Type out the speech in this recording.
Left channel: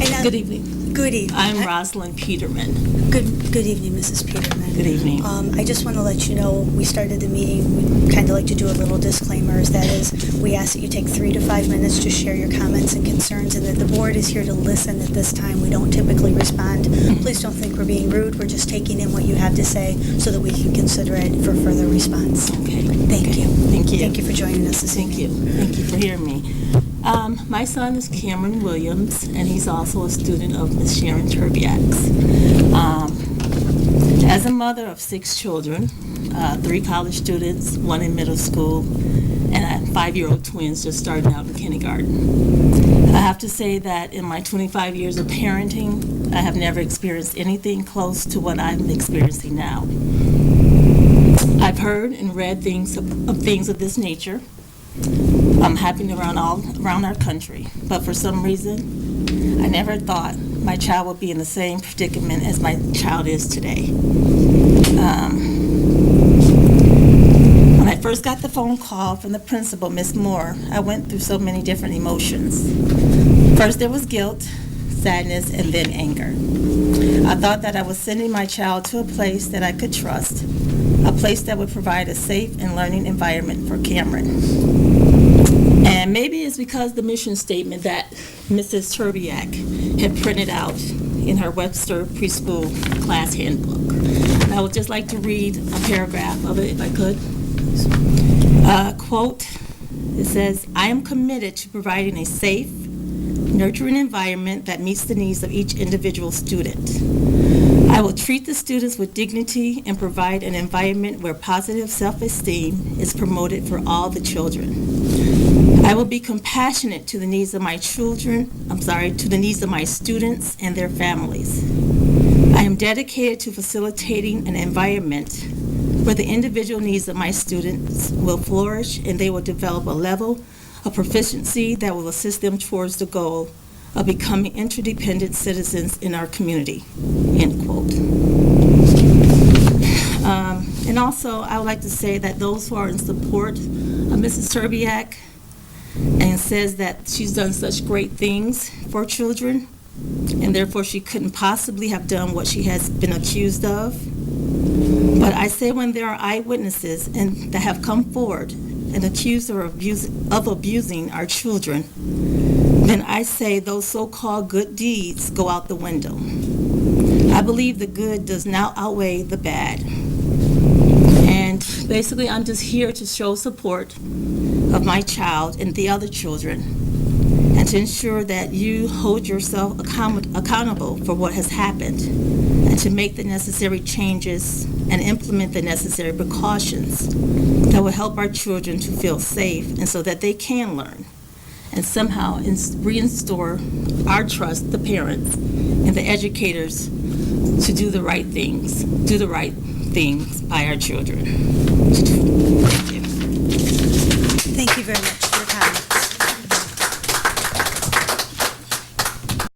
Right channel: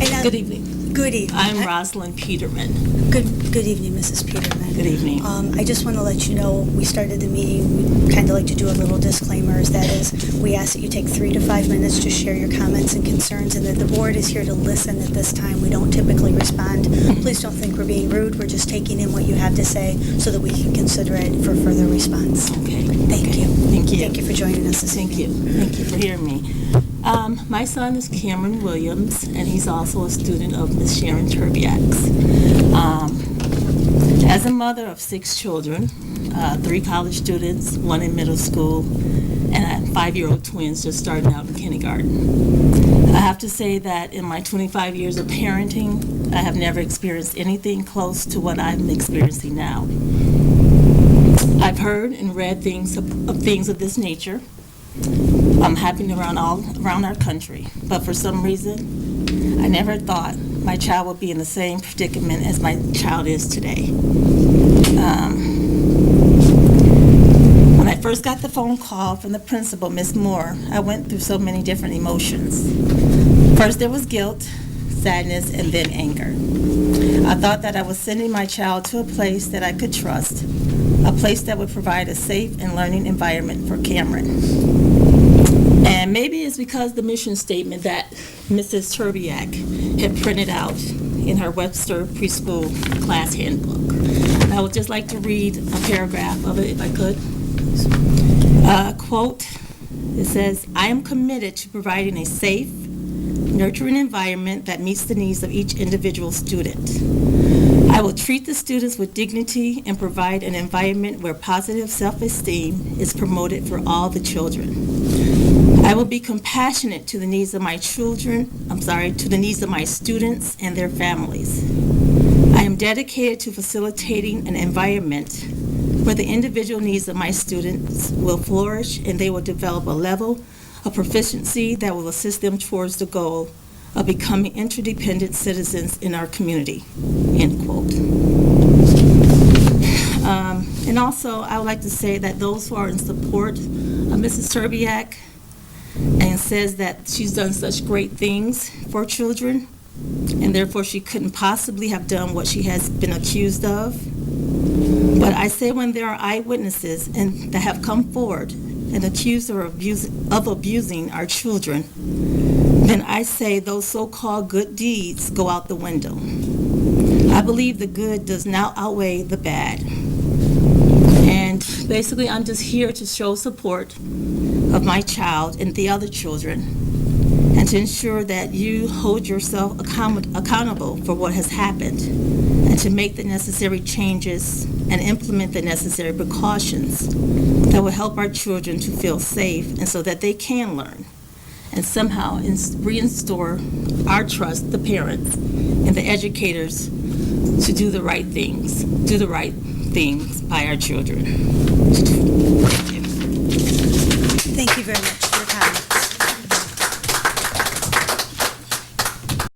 And, Good evening. Good evening. I'm Rosalind Peterman. Good evening, Mrs. Peterman. Good evening. I just want to let you know, we started the meeting, we kind of like to do a little disclaimers. That is, we ask that you take 3 to 5 minutes to share your comments and concerns, and that the board is here to listen at this time. We don't typically respond. Please don't think we're being rude. We're just taking in what you have to say so that we can consider it for further response. Okay. Thank okay. you. Thank you. Thank you for joining us this Thank evening. you. Thank you for hearing me. My son is Cameron Williams, and he's also a student of Miss Sharon Turbiak's. As a mother of 6 children, 3 college students, 1 in middle school, and 5-year-old twins just starting out in kindergarten, I have to say that in my 25 years of parenting, I have never experienced anything close to what I'm experiencing now. I've heard and read things of this nature happening around our country, but for some reason, I never thought my child would be in the same predicament as my child is today. When I first got the phone call from the principal, Miss Moore, I went through so many different emotions. First there was guilt, sadness, and then anger. I thought that I was sending my child to a place that I could trust, a place that would provide a safe and learning environment for Cameron. And maybe it's because the mission statement that Mrs. Turbiak had printed out in her Webster Preschool Class Handbook. And I would just like to read a paragraph of it, if I could. Quote, it says, "I am committed to providing a safe, nurturing environment that meets the needs of each individual student. I will treat the students with dignity and provide an environment where positive self-esteem is promoted for all the children. I will be compassionate to the needs of my to the needs of my students and their families. I am dedicated to facilitating an environment where the individual needs of my students will flourish and they will develop a level of proficiency that will assist them towards the goal of becoming interdependent citizens in our community." End quote. And also, I would like to say that those who are in support of Mrs. Turbiak and says that she's done such great things for children, and therefore she couldn't possibly have done what she has been accused of. But I say when there are eyewitnesses and that have come forward and accused her of abusing our children, then I say those so-called good deeds go out the window. I believe the good does not outweigh the bad. And basically, I'm just here to show support of my child and the other children, and to ensure that you hold yourself accountable for what has happened, and to make the necessary changes and implement the necessary precautions that will help our children to feel safe and so that they can learn, and somehow reinstore our trust, the parents and the educators, to do the right things by our children. Thank you. Thank you very much for your comments.